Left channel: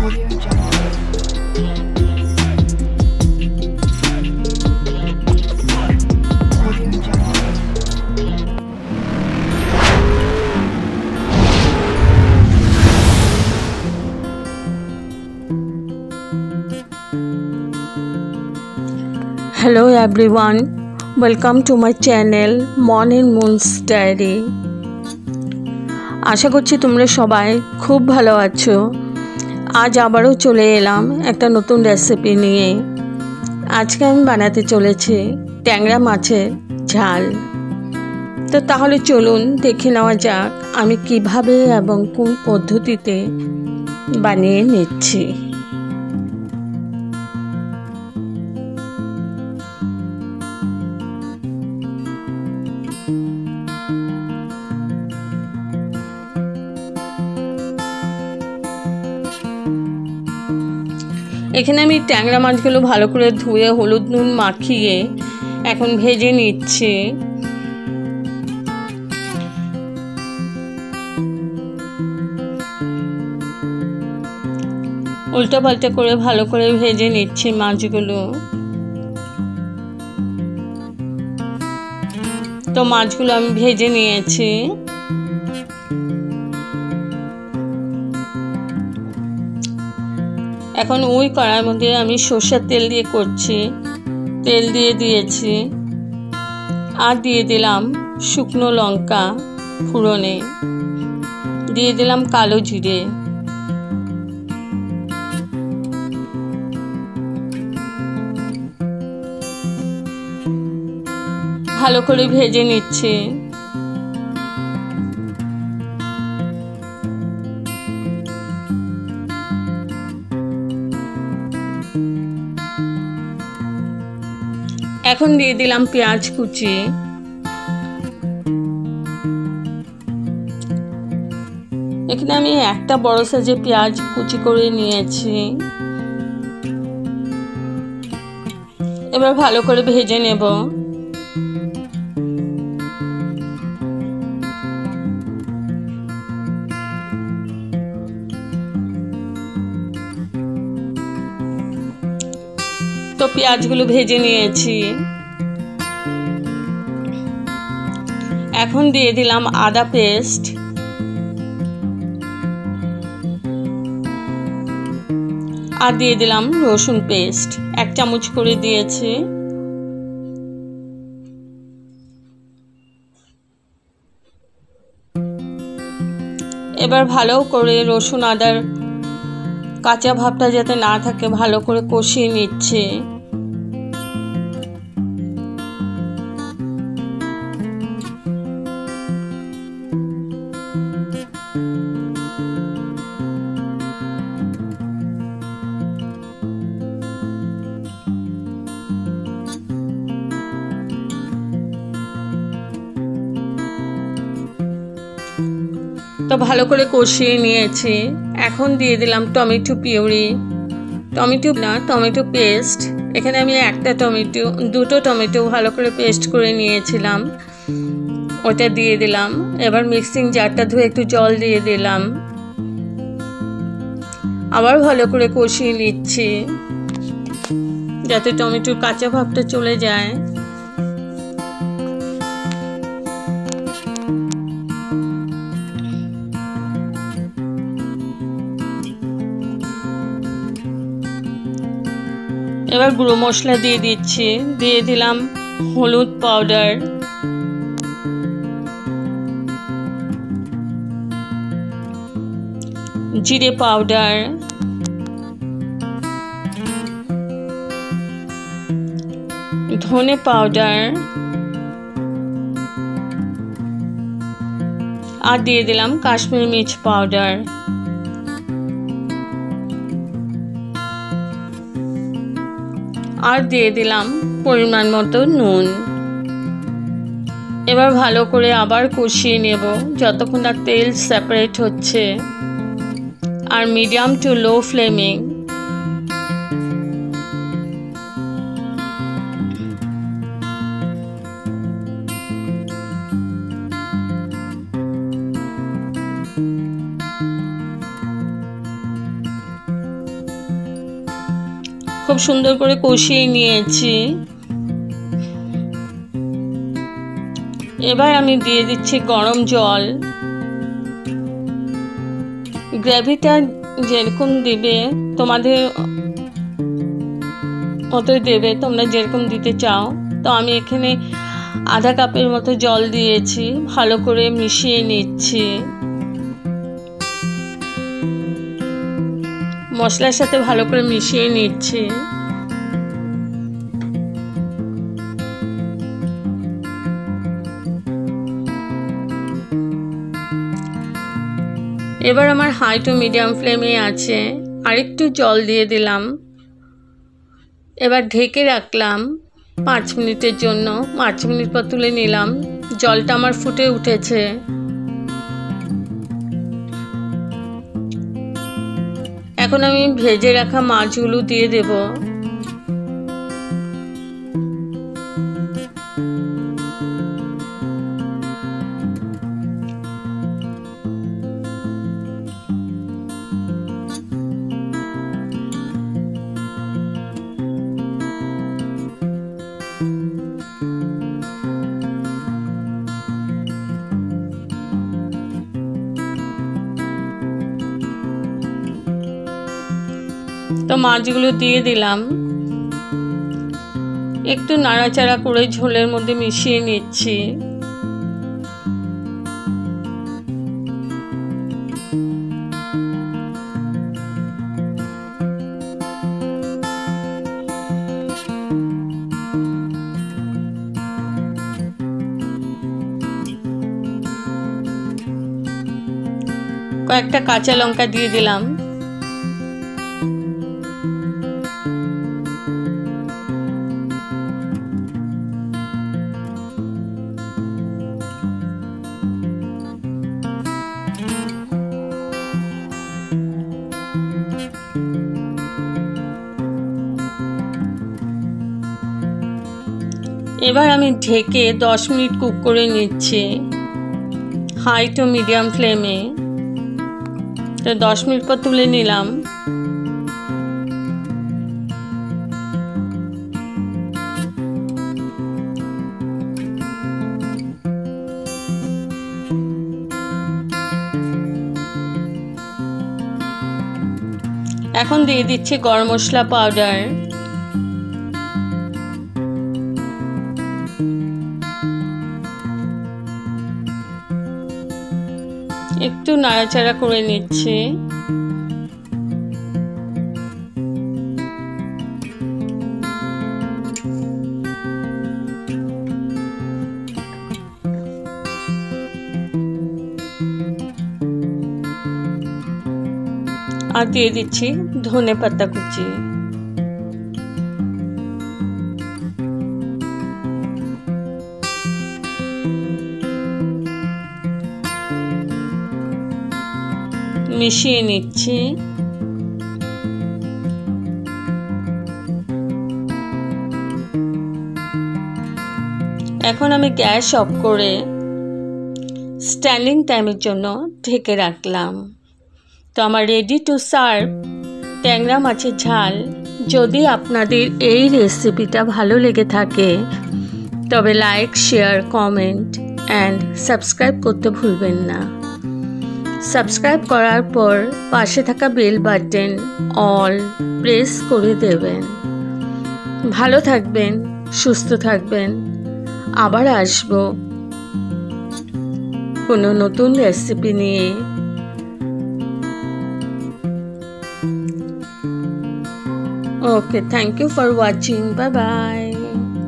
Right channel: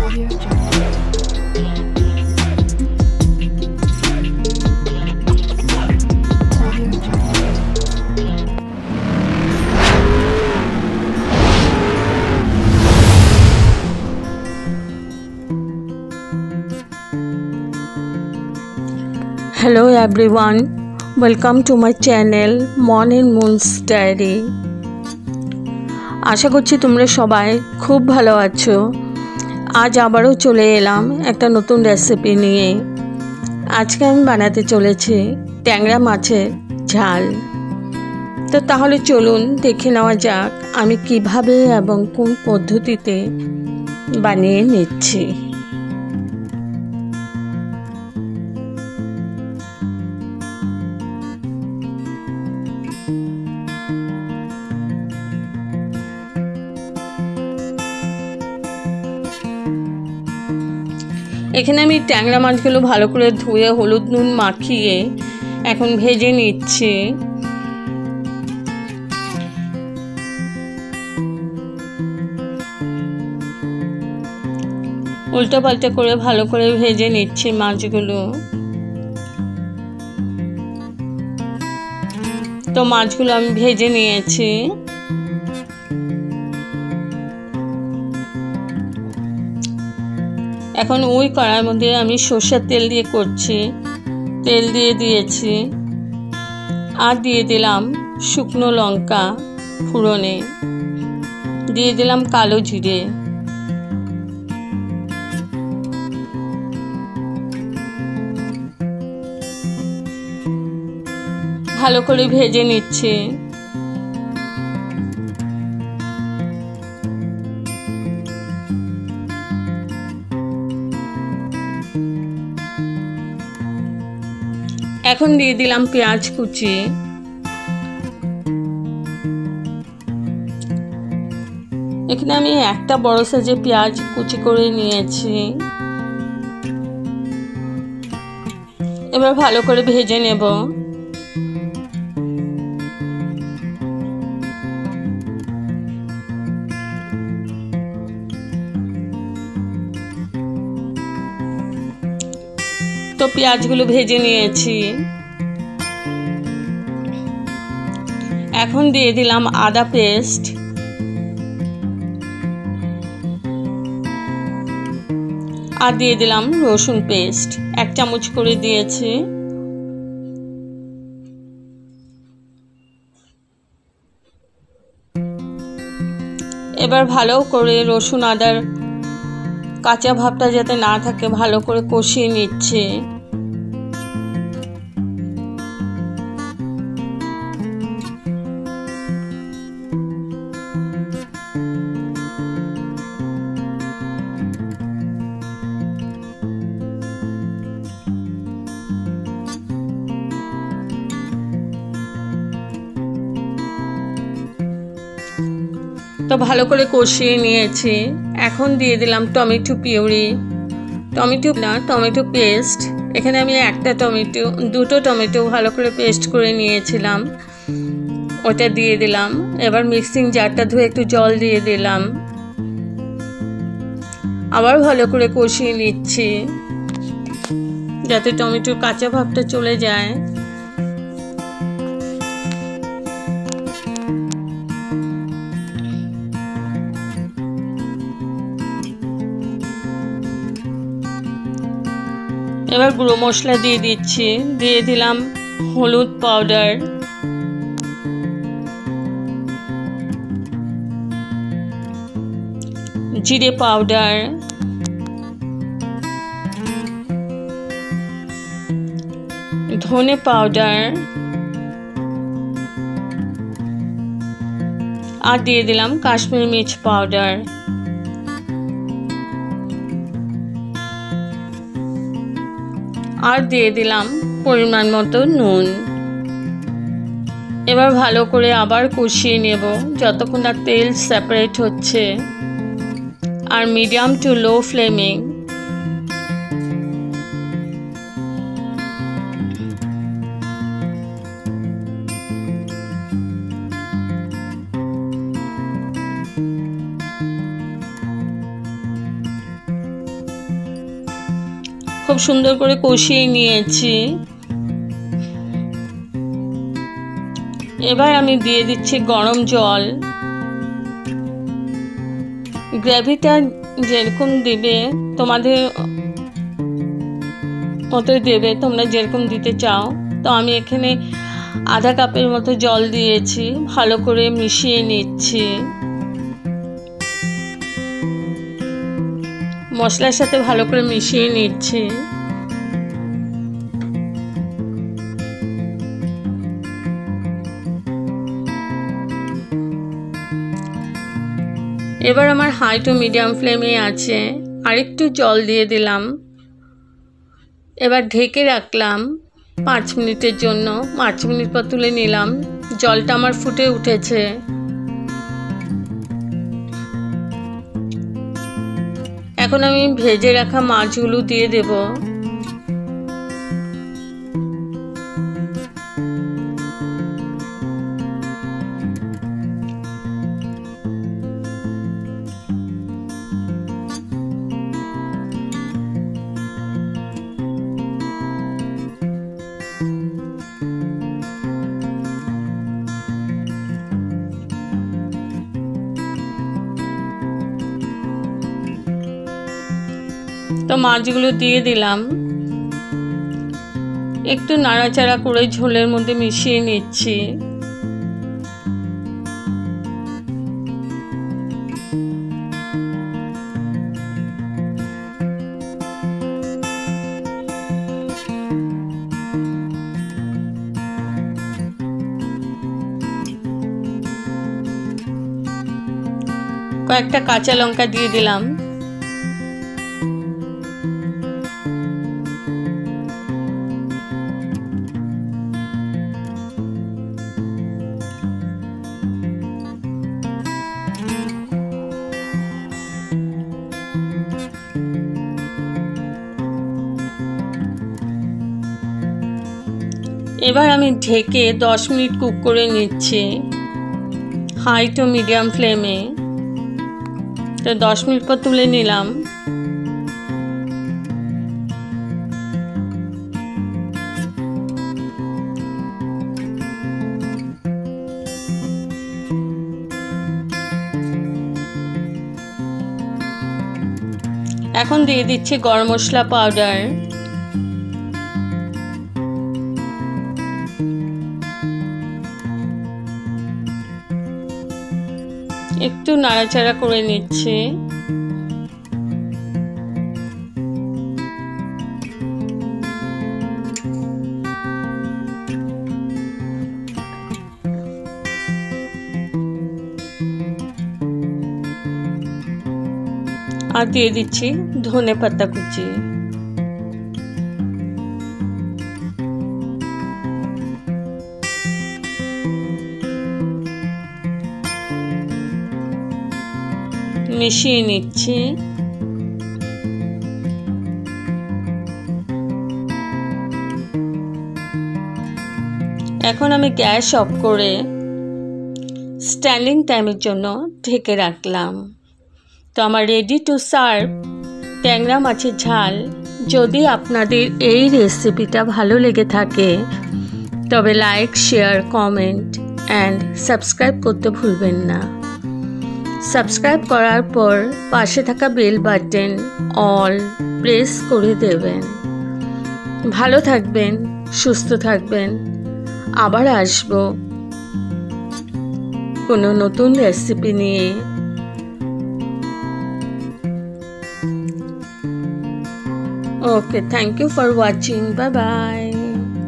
Audio Jungle. Audio Jungle. Hello everyone, welcome to my channel Morning Moon's Diary. আশা করছি তোমরা সবাই খুব ভালো আছো। আজ আবারও চলে এলাম একটা নতুন রেসিপি নিয়ে। আজকে আমি বানাতে চলেছি ট্যাংরা মাছের ঝাল। তো তাহলে চলুন দেখে নেওয়া যাক আমি কিভাবে এবং কোন পদ্ধতিতে বানিয়ে নিচ্ছি। এখানে আমি ট্যাংরা মাছগুলো ভালো করে ধুয়ে হলুদ নুন মাখিয়ে এখন ভেজে নিচ্ছি। উল্টো পাল্টা করে ভালো করে ভেজে নিচ্ছি মাছগুলো। তো মাছগুলো আমি ভেজে নিয়েছি। এখন ওই কড়াইয়ের মধ্যে আমি সরষের তেল দিয়ে করছি। তেল দিয়ে দিয়েছি আর দিয়ে দিলাম শুকনো লঙ্কা ফোড়নে, দিয়ে দিলাম কালো জিরে, ভালো করে ভেজে নিচ্ছি। এখন দিয়ে দিলাম পেঁয়াজ কুচি। এখানে আমি একটা বড় সাইজের পেঁয়াজ কুচি করে নিয়েছি। এবার ভালো করে ভেজে নেব। তো পেঁয়াজগুলো ভেজে নিয়েছি। এখন দিয়ে দিলাম আদা পেস্ট, আর দিয়ে দিলাম রসুন পেস্ট, 1 চামচ করে দিয়েছি। এবার ভালো করে রসুন আদার কাঁচা ভাবটা যাতে না থাকে ভালো করে কষিয়ে নিচ্ছি। তো ভালো করে কষিয়ে নিয়েছি। এখন দিয়ে দিলাম টমেটো পিউরি, টমেটো পেস্ট। এখানে আমি দুটো টমেটো ভালো করে পেস্ট করে নিয়েছিলাম, ওটা দিয়ে দিলাম। এবার মিক্সিং জারটা ধুয়ে একটু জল দিয়ে দিলাম, আবার ভালো করে কষিয়ে নিচ্ছি যাতে টমেটোর কাঁচা ভাবটা চলে যায়। এবার গুঁড়ো মশলা দিয়ে দিচ্ছি। দিয়ে দিলাম হলুদ পাউডার, জিরে পাউডার, ধনে পাউডার, আর দিয়ে দিলাম কাশ্মীরি মির্চ পাউডার। আর দিয়ে দিলাম পরিমাণ মতো নুন। এবার ভালো করে আবার কষিয়ে নেব যতক্ষণ না তেল সেপারেট হচ্ছে, আর মিডিয়াম টু লো ফ্লেমিং খুব সুন্দর করে কষিয়ে নিয়েছি। এবার আমি দিয়ে দিচ্ছি গরম জল। গ্রেভিটা যেরকম দেবে তোমাদের মতোই দেবে, তোমরা যেরকম দিতে চাও। তো আমি এখানে আধা কাপের মতো জল দিয়েছি, ভালো করে মিশিয়ে নিচ্ছি। মশলার সাথে ভালো করে মিশিয়ে নিচ্ছি। এবার আমার হাই টু মিডিয়াম ফ্লেমে আছে, আরেকটু জল দিয়ে দিলাম। এবার ঢেকে রাখলাম 5 মিনিটের জন্য। 5 মিনিট পর তুলে নিলাম। জলটা আমার ফুটে উঠেছে। এখন আমি ভেজে রাখা মাছগুলো দিয়ে দেব। তো মাছগুলো দিয়ে দিলাম। একটু নাড়াচাড়া করে ঝোলের মধ্যে মিশিয়ে নিচ্ছি। কয়েকটা কাঁচা লঙ্কা দিয়ে দিলাম। এবার আমি ঢেকে 10 মিনিট কুক করে নিচ্ছি হাই টু মিডিয়াম ফ্লেমে। তো 10 মিনিট পর তুলে নিলাম। এখন দিয়ে দিচ্ছি গরম মশলা পাউডার। একটু নাড়াচাড়া করে নিচ্ছি। আর দিয়ে দিচ্ছি ধনে পাতা কুচি। মিশিয়ে নিচ্ছি। এখন আমি গ্যাস অফ করে স্ট্যান্ডিং টাইমের জন্য ঢেকে রাখলাম। তো আমার রেডি টু সার্ভ ট্যাংরা মাছের ঝাল। যদি আপনাদের এই রেসিপিটা ভালো লেগে থাকে তবে like, share, comment and subscribe করতে ভুলবেন না। সাবস্ক্রাইব করার পর পাশে থাকা বেল বাটন অল প্রেস করে দেবেন। ভালো থাকবেন, সুস্থ থাকবেন। আবার আসবো কোনো নতুন রেসিপি নিয়ে। Okay, thank you for watching. Bye bye.